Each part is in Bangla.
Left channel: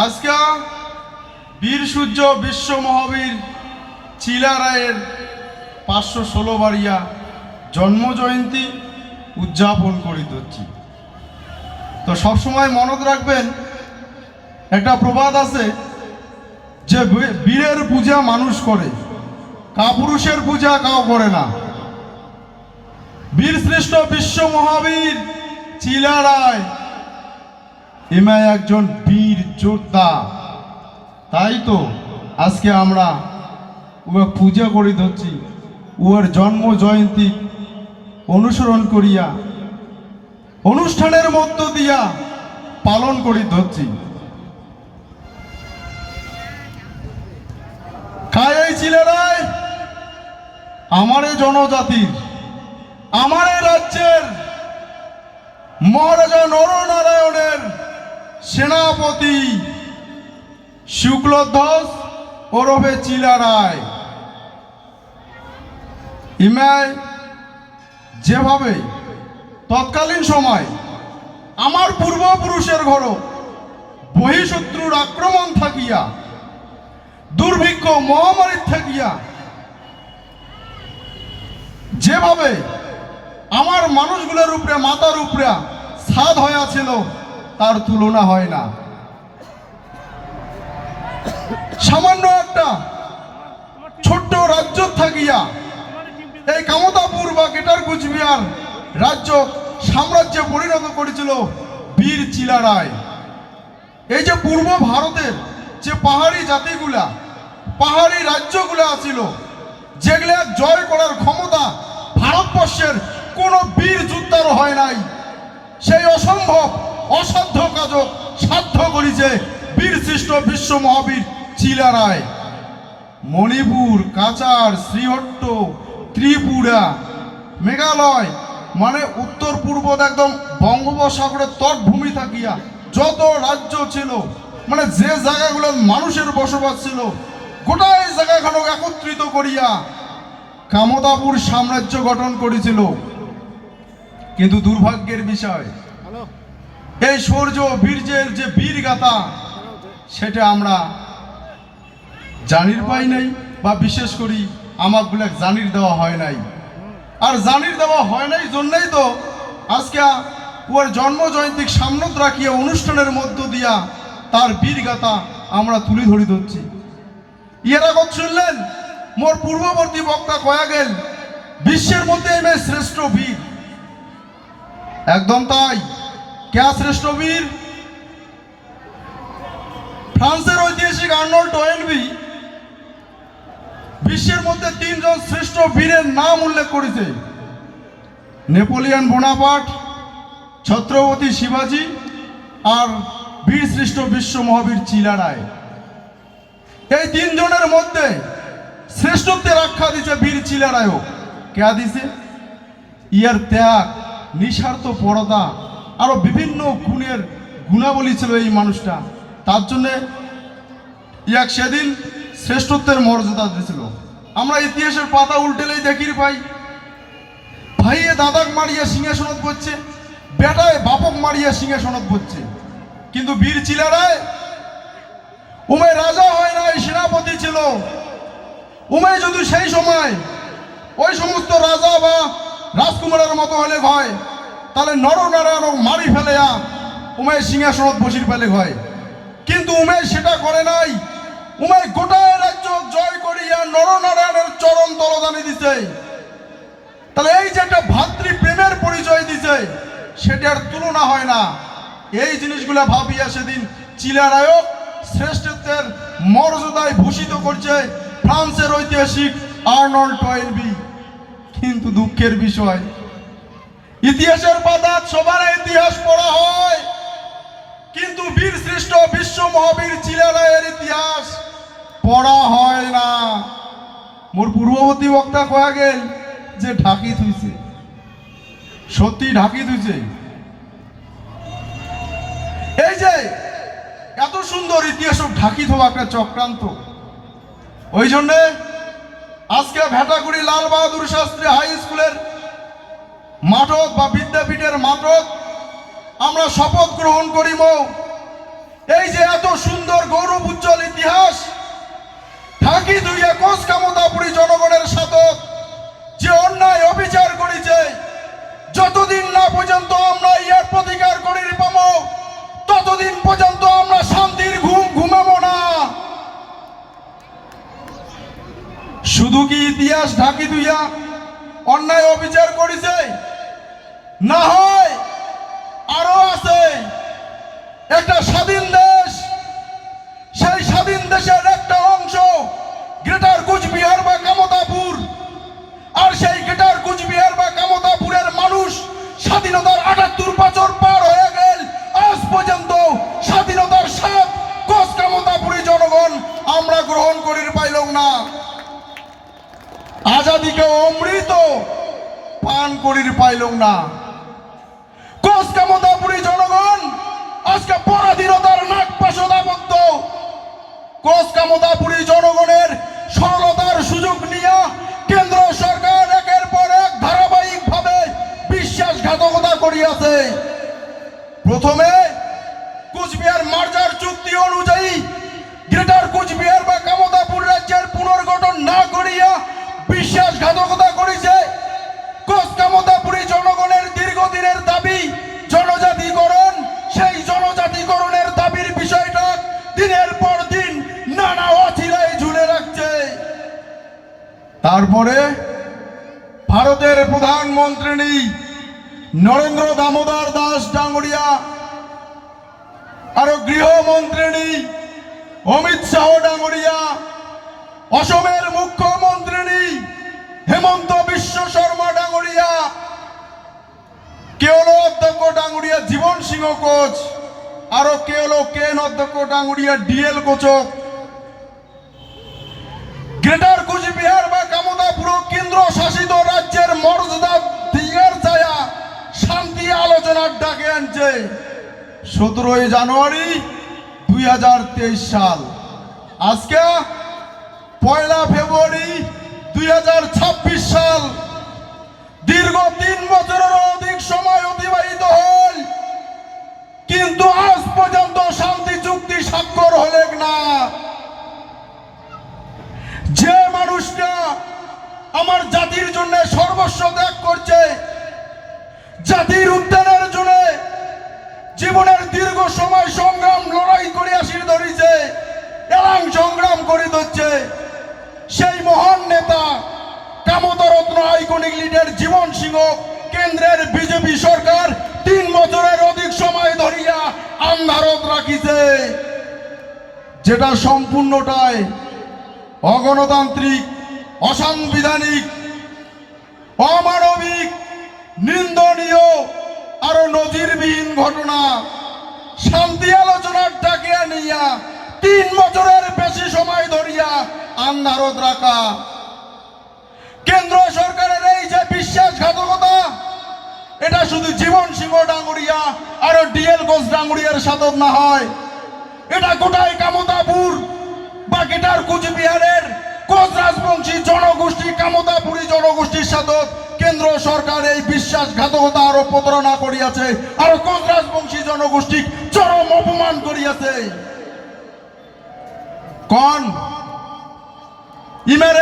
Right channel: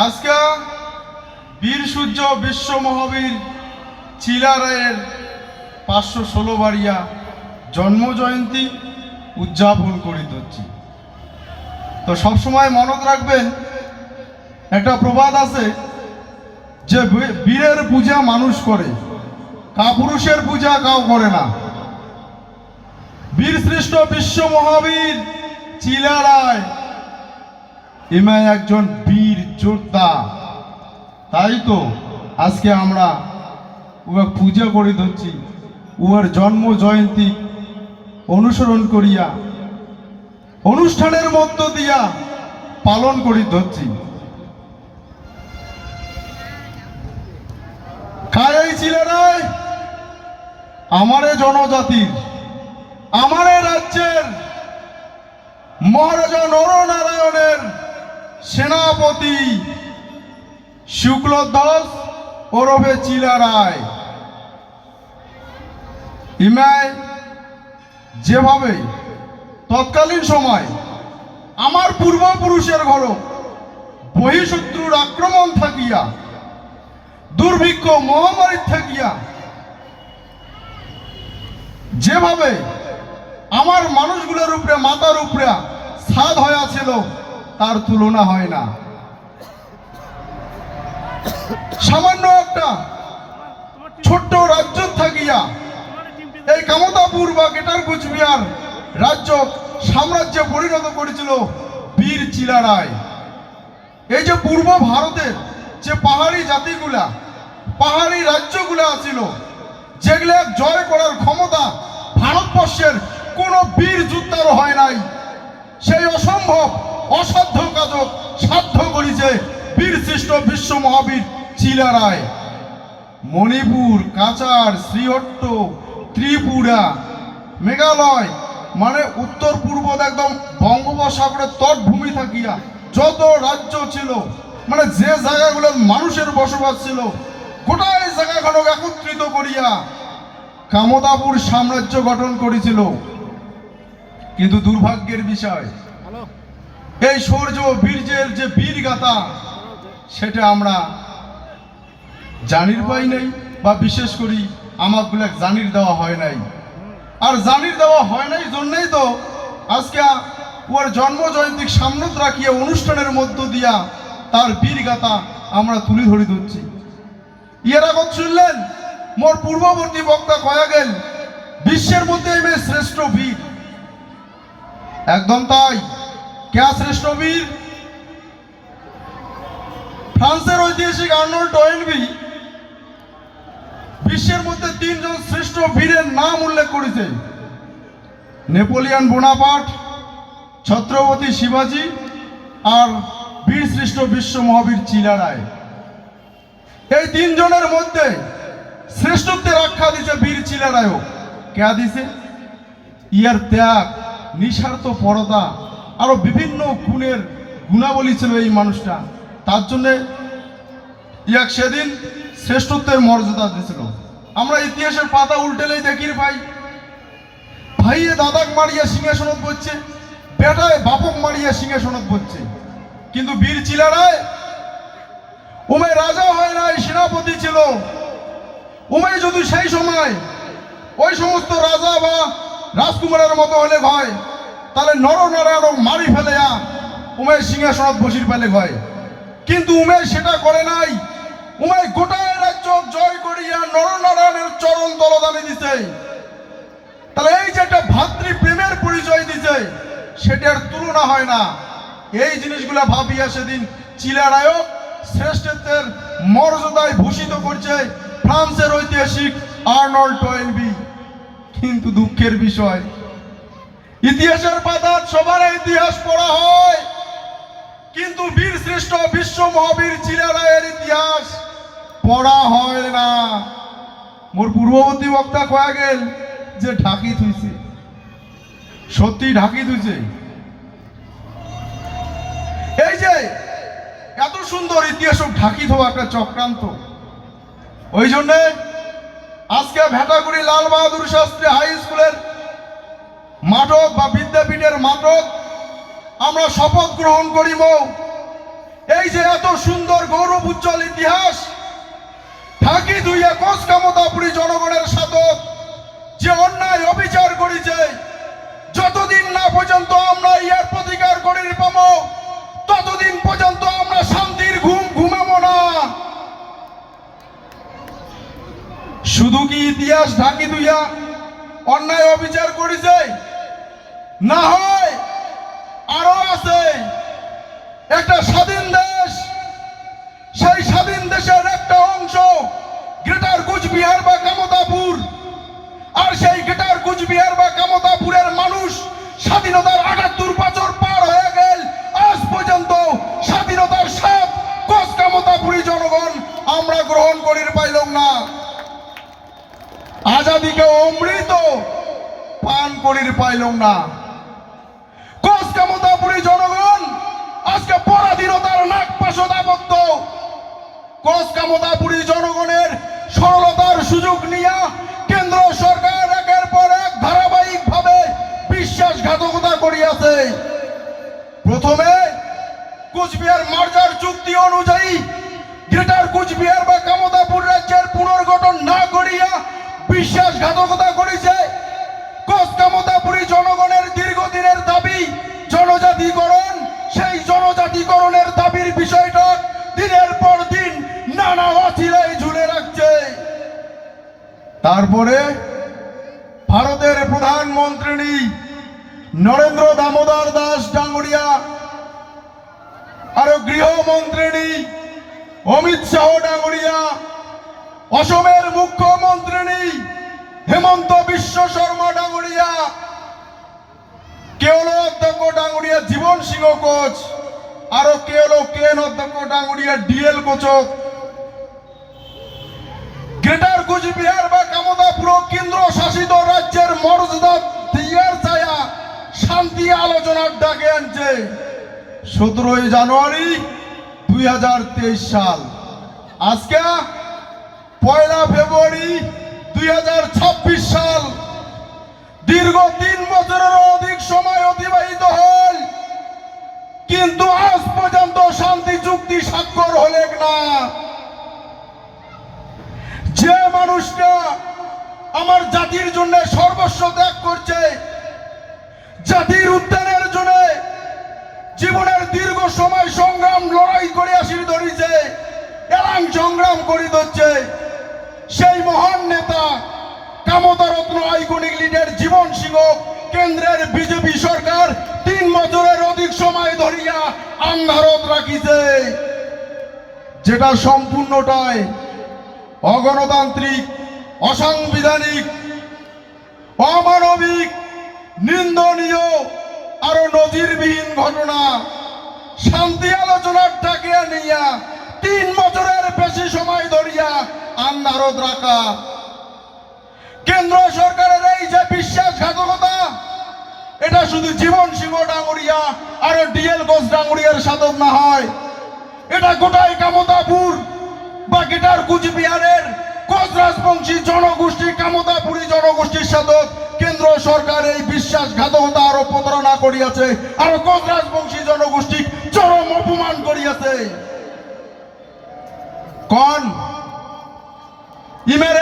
আজকে বীর সূর্য বিশ্ব মহাবীর চিলা রায়ের পাঁচশো ষোলো বাড়িয়া জন্ম জয়ন্তী উদযাপন করিত হচ্ছি তো সবসময় মনত রাখবেন, একটা প্রবাদ আছে যে বীরের পূজা মানুষ করে, কাপুরুষের পূজা কাউ করে না। বীর শ্রেষ্ঠ বিশ্ব মহাবীর চিলা রায় ইমাই একজন বীর যোদ্ধা। তাই তো আজকে আমরা উহা পূজা করি ধরছি। উহার জন্ম জয়ন্তী অনুসরণ করিয়া, অনুষ্ঠানের মধ্য দিয়া পালন করি ধরছি। ছিলেরাই আমারে জনজাতির, আমারে রাজ্যের, মহারাজা নরনারায়ণের সেনাপতি শুক্লধ্বজ ওরফে চিলা রায়। ইমায় যেভাবে তৎকালীন সময় আমার পূর্বপুরুষের ঘর বহিঃশত্রুর আক্রমণ থাকিয়া, দুর্ভিক্ষ মহামারী থাকিয়া, যেভাবে আমার মানুষগুলোর উপরে, মাতার উপরে সাদ হয়ে ছিল তার তুলনা হয় না। সামান্য একটা ছোট্ট রাজ্য থাকিয়া এই কামতাপুর বা গেটার কুচবিহার রাজ্য সাম্রাজ্যে পরিণত করেছিল বীর চিলা রায়। এই যে পূর্ব ভারতের যে পাহাড়ি জাতিগুলা, পাহাড়ি রাজ্যগুলা ছিল যেগুলা জয় করার ক্ষমতা ভারতবর্ষের কোনো বীর যোদ্ধার হয় নাই, সেই অসম্ভব অসাধ্য কাজক সাধ্য করেছে বীর সৃষ্ট বিশ্ব মহাবীর চিলা রায়। মণিপুর, কাছাড়, শ্রীহট্ট, ত্রিপুরা, মেঘালয় মানে উত্তর পূর্ব একদম বঙ্গোপসাগরের তটভূমি থাকিয়া যত রাজ্য ছিল মানে যে জায়গাগুলো মানুষের বসবাস ছিল গোটা এই জায়গাগুলো একত্রিত করিয়া কামতাপুর সাম্রাজ্য গঠন করেছিল। কিন্তু দুর্ভাগ্যের বিষয় এই সৌর্য বীর্যের যে বীর গাথা সেটা আমরা জানির পাই নাই বা বিশেষ করি আমাগুলো জানির দেওয়া হয় নাই। আর জানির দেওয়া হয় নাই জন্যই তো আজকে ওর জন্ম জয়ন্তীক সামনত রাখিয়া অনুষ্ঠানের মধ্য দিয়া তার বীর গাথা আমরা তুলে ধরি ধরছি। ইয়ের আগত শুনলেন, মোর পূর্ববর্তী বক্তা কয়া গেল, বিশ্বের মধ্যে এমে শ্রেষ্ঠ বীর। একদম তাই। কে শ্রেষ্ঠ বীর? ফ্রান্সের ঐতিহাসিক আর্নল্ড টয়েনবি বিশ্বের মধ্যে তিনজন শ্রেষ্ঠ বীরের নাম উল্লেখ করেছে। নেপোলিয়ান বোনাপাট ছত্রপতি শিবাজি আর বীর শ্রেষ্ঠ বিশ্ব মহাবীর চিলা রায়। এই তিনজনের মধ্যে শ্রেষ্ঠত্বের আখ্যা দিছে বীর চিলা রায়ও। কে দিছে ইয়ার ত্যাগ, নিঃস্বার্থ পরতা আরও বিভিন্ন গুণের গুণাবলী ছিল এই মানুষটা। তার জন্যে ইয়াক সেদিন শ্রেষ্ঠত্বের মর্যাদা দিয়েছিল আমরা ইতিহাসের পাতা উল্টেলেই দেখির পাই। ভাইয়ে দাদাক মারিয়া সিংহাসনত করছে বেটায় বাপক মারিয়া সিংহাসনত করছে কিন্তু বীর চিলারায় উমে রাজা হয় নাই, সেনাপতি ছিল। উমে যদি সেই সময় ওই সমস্ত রাজা বা রাজকুমারের মতো হলে হয় তাহলে নর নরনারায়ণ মারি ফেলে যা উমে সিংহাসনত বসির ফেলে হয়। কিন্তু উমেশ সেটা করে নাই। উমে গোটায় রাজ্য জয় করিয়া নরনারায়ণের চরণ তলদানি দিছে। তাহলে এই যে একটা ভাতৃ প্রেমের পরিচয় দিছে সেটার তুলনা হয় না। এই জিনিসগুলো ভাবিয়া সেদিন চিলারায়ও শ্রেষ্ঠত্বের মর্যাদায় ভূষিত করছে ফ্রান্সের ঐতিহাসিক আর্নল্ড টয়েলবি কিন্তু দুঃখের বিষয় ইতিহাসের পাতা সবার ইতিহাস পড়া হয়। কিন্তু বীর শ্রেষ্ঠ বিশ্ব মহাবীর চিলারায়ের ইতিহাস পড়া হয় না। মোর পূর্ববর্তী বক্তা কয়া গেল যে ঢাকি থুইছে। সত্যি ঢাকি থুইছে। এই যে এত সুন্দর ইতিহাস ঢাকি থোয়া একটা চক্রান্ত। ওই জন্যে আজকে ভেটাগুড়ি লাল বাহাদুর শাস্ত্রী হাই স্কুলের মাঠক বা বিদ্যাপীঠের মাঠক আমরা শপথ গ্রহণ করিব। এই যে এত সুন্দর গৌরব উজ্জ্বল ইতিহাস থাকি দুই একুশ কামতাপুরী জনগণের সাথে যে অন্যায় অবিচার করেছে, যতদিন না পর্যন্ত আমরা ইয়ার প্রতিকার করি পাবো ততদিন পর্যন্ত আমরা শান্তির ঘুম ঘুমাবো না। শুধু কি ইতিহাস ঢাকি দুইয়া অন্যায় অবিচার করেছে? না হয় আরও আছে একটা স্বাধীন দেশ, সেই স্বাধীন দেশের একটা অংশ, গ্রেটার কুচবিহার বা কামতাপুর কুচবিহার মার্জার চুক্তি অনুযায়ী গ্রেটার কুচবিহার বা কামতাপুর রাজ্যের পুনর্গঠন না করিয়া বিশ্বাসঘাতকতা করেছে। কোচ কামতাপুরী জনগণের দীর্ঘদিনের দাবি, জনজাতিকরণ, সেই জনজাতিকরণের দাবির বিষয়টা দিনের পর দিন নানা অচিরাই ঝুলে রাখছে। তারপরে ভারতের প্রধানমন্ত্রী নরেন্দ্র দামোদর দাস ডাঙ্গুরিয়া আরও গৃহমন্ত্রী অমিত শাহ ডাঙ্গুরিয়া অসমের মুখ্যমন্ত্রী হেমন্ত বিশ্ব শর্মা ডাঙ্গুরিয়া কে অধ্যক্ষ ডাঙ্গুরিয়া জীবন সিংহ কোচ, আরও কে কেন অধ্যক্ষ ডাঙ্গুরিয়া ডিএল কোচক। গ্রেটার কুচবিহার বা কামতাপুর কেন্দ্র শাসিত রাজ্যের মর্যাদা দিয়ার ছায়া শান্তি আলোচনার ডাকে আনছে। সতেরোই জানুয়ারি দুই হাজার তেইশ সাল। আজকে পয়লা ফেব্রুয়ারি দুই হাজার ছাব্বিশ সাল। দীর্ঘ তিন বছরের কামতারত্ন আইকনিক লিডার জীবন সিংহ, কেন্দ্রের বিজেপি সরকার তিন বছরের অধিক সময় ধরিয়া আন্ধারত রাখিছে। যেটা সম্পূর্ণটাই অগণতান্ত্রিক, অসাংবিধানিক, অমানবিক, নিন্দনীয় আরও নজিরবিহীন ঘটনা। শান্তি আলোচনার ডাকে নিয়া তিন বছরের বেশি সময় ধরিয়া আন্ধারত রাখা। কেন্দ্র সরকারের এই যে বিশ্বাসঘাতকতা, এটা শুধু জীবন সিংহ ডাঙ্গুরিয়া আর ডিএল ঘোষ ডাঙ্গুরিয়ার সাধন না হয়। এটা গোটাই কামতাপুর বা গেটার কুচবিহারের কোচ রাজবংশী জনগোষ্ঠী, কামতাপুরী জনগোষ্ঠীর সাথে কেন্দ্র সরকার এই বিশ্বাসঘাতকতা আরও প্রতারণা করিয়াছে আর কোচ রাজবংশী জনগোষ্ঠী চরম অপমান করিয়াছে। কোন, ইমের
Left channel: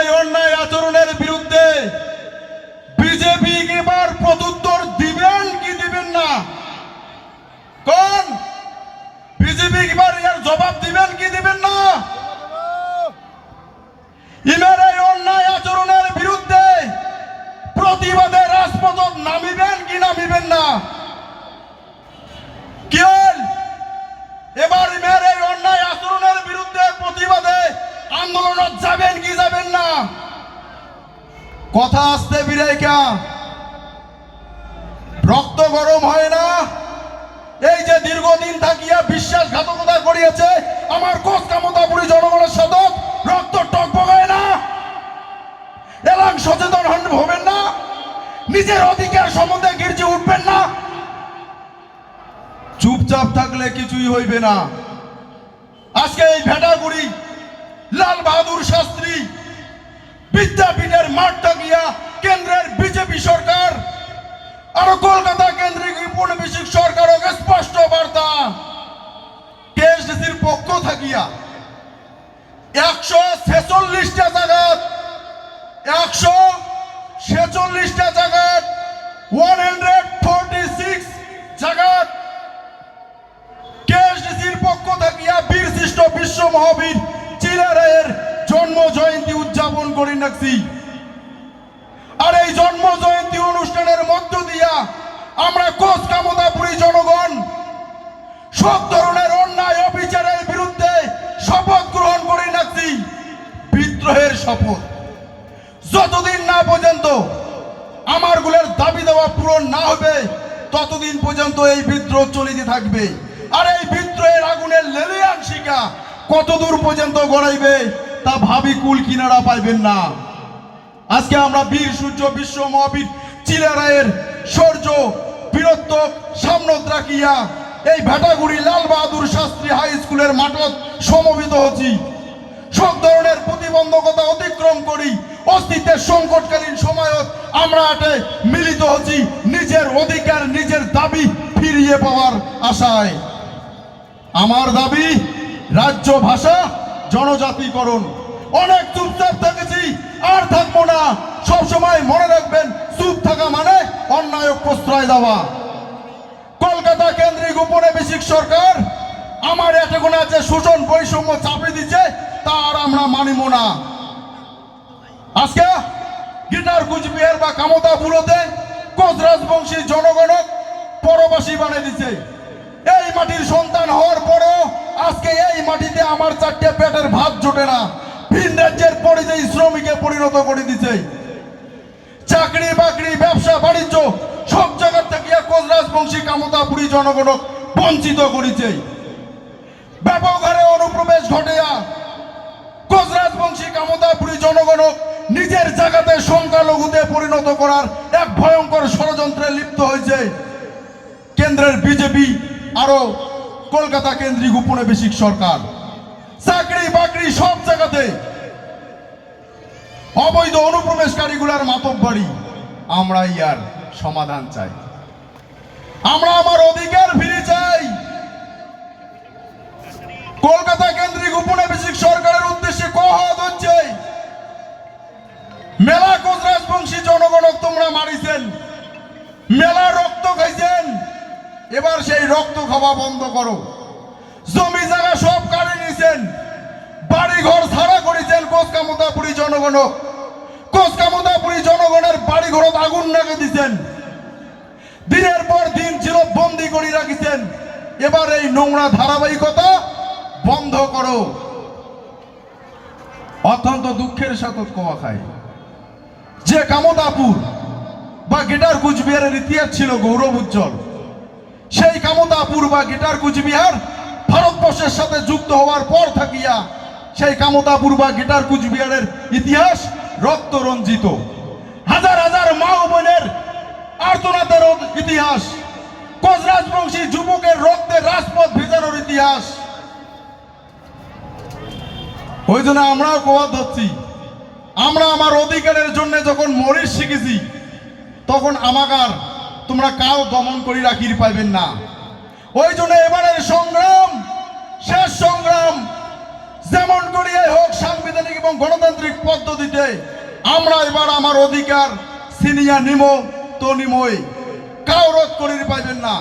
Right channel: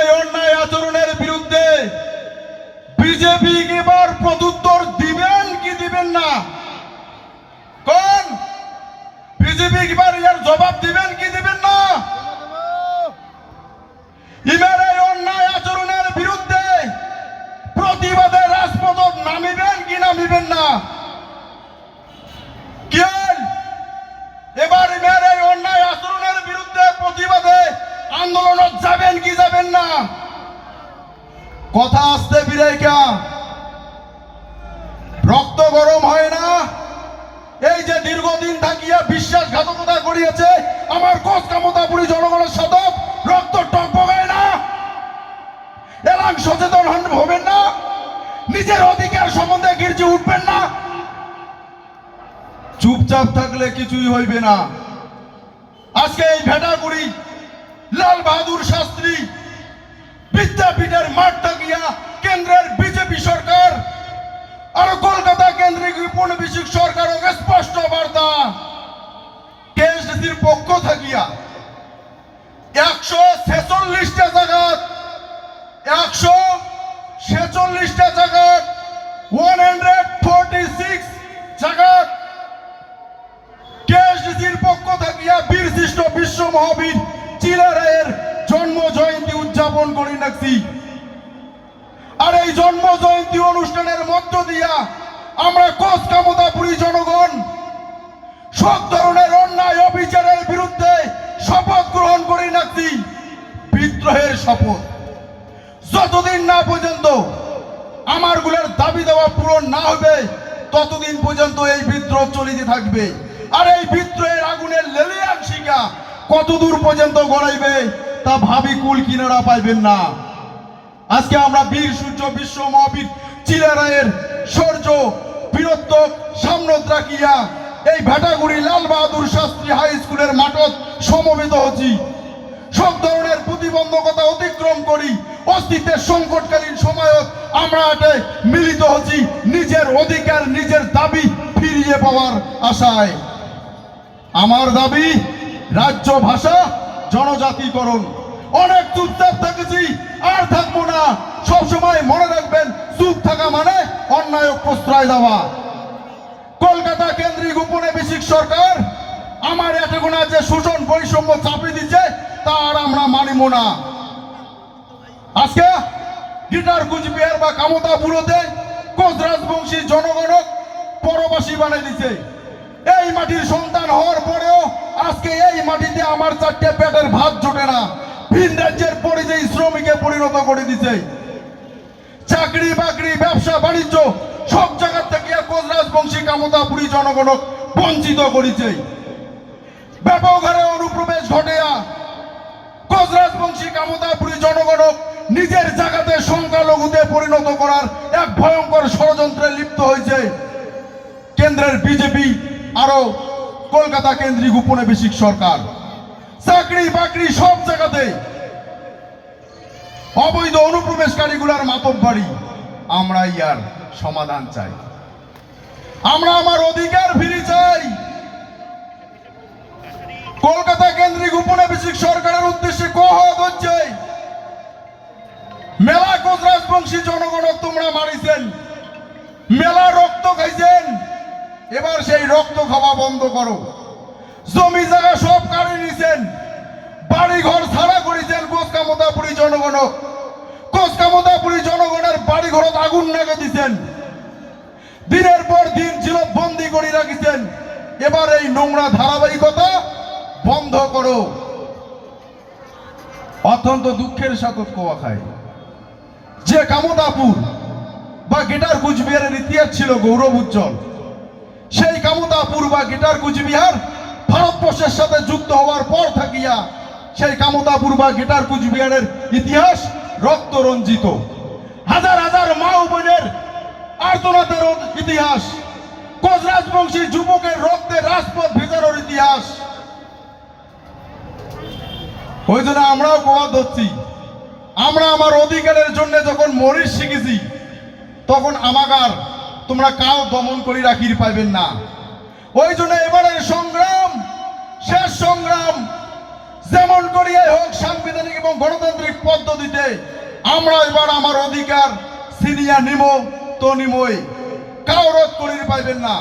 এলাম সচেতন হন, হবেন না। নিজের অধিকার সম্বন্ধে গির্জে উঠবেন না। চুপচাপ থাকলে কিছুই হইবে না। আজকে এই ভেটাগুড়ি, লাল বাহাদুর শাস্ত্রী, বিদ্যাপীঠের মাঠটা গিয়া কেন্দ্রের বিজেপি সরকার আর কলকাতা কেন্দ্রিক উপনিবেশিক সরকার স্পষ্ট বার্তা। কেএসডিসি কেএসডিসির পক্ষ থাকিয়া 146 জায়গার কেএসডিসির পক্ষ থাকিয়া বীরশিষ্ট বিশ্ব মহাবীর চিলা জন্ম জয়ন্তী উদযাপন করি রাখছি আর এই জন্ম জয়ন্তী অনুষ্ঠানের মধ্য দিয়া আমরা কোচ কামতাপুরী জনগণ সব ধরনের অন্যায় অবিচারের বিরুদ্ধে শপথ গ্রহণ করে রাখছি বিদ্রোহের শপথ। যতদিন না পর্যন্ত আমার দাবি দেওয়া পূরণ না হবে, ততদিন পর্যন্ত এই বিদ্রোহ চলিতে থাকবে। আর এই বিদ্রোহের আগুনের লেলিয়ান শিকা কত দূর পর্যন্ত গড়াইবে, তা ভাবি কুল কিনারা পাইবেন না। আজকে আমরা বীর, সূর্য, বিশ্ব, মহাবীর চিলারায়ের সৌর্য, বীরত্ব সামনত রাখিয়া এই ভেটাগুড়ি লাল বাহাদুর শাস্ত্রী হাই স্কুলের মাঠত সমবেত হচ্ছি। প্রতিবন্ধকতা অতিক্রম করি। অস্তিত্বের সংকটকালীন সময়ত আমরা এতে মিলিত হচ্ছি। নিজের অধিকার, নিজের দাবি ফিরিয়ে পাওয়ার আশায়। আমার দাবি, রাজ্য ভাষা, জনজাতিকরণ। অনেক চুপচাপ থেকেছি, আর থাকব না। সবসময় মনে রাখবেন, চুপ থাকা মানে অন্যায় প্রশ্রয় দেওয়া। কলকাতা কেন্দ্রিক উপনিবেশিক সরকার আমার এতগুণ যে শোষণ বৈষম্য চাপিয়ে দিচ্ছে আমরা মানিব না আজকে গিটার কুচবিহার বা কামতা বুড়োতে কোচ রাজবংশী জনগণক পরবাসী বানিয়ে দিছে। এই মাটির সন্তান হওয়ার পরেও আজকে এই মাটিতে আমার চারটে পেটের ভাত জোটে না। ভিন রাজ্যের পরিযায়ী শ্রমিকে পরিণত করে দিছে। চাকরি বাকরি, ব্যবসা, বাণিজ্য সব জায়গা থেকে কোচ রাজবংশী কামতাপুরী জনগণক বঞ্চিত করেছে। ব্যাপক হারে অনুপ্রবেশ কোচ রাজবংশী নিজের জায়গাতে সংখ্যালঘুতে পরিণত করার এক ভয়ঙ্কর ষড়যন্ত্রে লিপ্ত হয়েছে। কেন্দ্রের বিজেপি কলকাতা কেন্দ্রিক উপনিবেশিক সরকার। চাকরি বাকরি সব জায়গাতে অবৈধ অনুপ্রবেশকারীগুলার মাতব বাড়ি আমরা ইয়ার সমাধান চাই। আমরা আমার অধিকার ফিরে চাই। কলকাতা কেন্দ্রিক উপনিবেশিক সরকারের উদ্দেশ্যে কহত হচ্ছে মেলা কোচ রাজবংশী জনগণ তোমরা মারিছেন। মেলা রক্ত খাইছেন। এবার সেই রক্ত খাওয়া বন্ধ করো। জমি জায়গা সব কাড়ে নিছেন। বাড়ি ঘর ছাড়া করেছেন কোচ কামতাপুরী জনগণ। কোচ কামতাপুরী জনগণের বাড়ি ঘরত আগুন লাগে দিছেন। দিনের পর দিন ছিল বন্দি করে রাখিছেন। এবার এই নোংরা ধারাবাহিকতা বন্ধ করো। অত্যন্ত দুঃখের সাথে কোয়া খায় যে কামতাপুর বা গেটার কুচবিহারের ইতিহাস ছিল গৌরব উজ্জ্বল, সেই কামতাপুর বা গেটার কুচবিহার ভারতবর্ষের সাথে যুক্ত হওয়ার পর থাকিয়া সেই কামতাপুর বা গেটার কুচবিহারের ইতিহাস রক্ত রঞ্জিত হাজার হাজার মা ও বোনের আর্তনাদের ইতিহাস কোচ রাজবংশী যুবকের রক্তে রাজপথ ভেজানোর ইতিহাস। ওই জন্য আমরাও কোয়া ধরছি। আমরা আমার অধিকারের জন্য যখন মরিস শিখেছি, তখন আমাকার তোমরা কাউ দমন করি রাখির পাইবেন না। ওই জন্য এবারের সংগ্রাম, শেষ সংগ্রাম, যেমন করিয়ে হোক সাংবিধানিক এবং গণতান্ত্রিক পদ্ধতিতে, আমরা এবার আমার অধিকার সিনিয়া নিম, তো নিমই। কাউ রোধ করির পাইবেন না।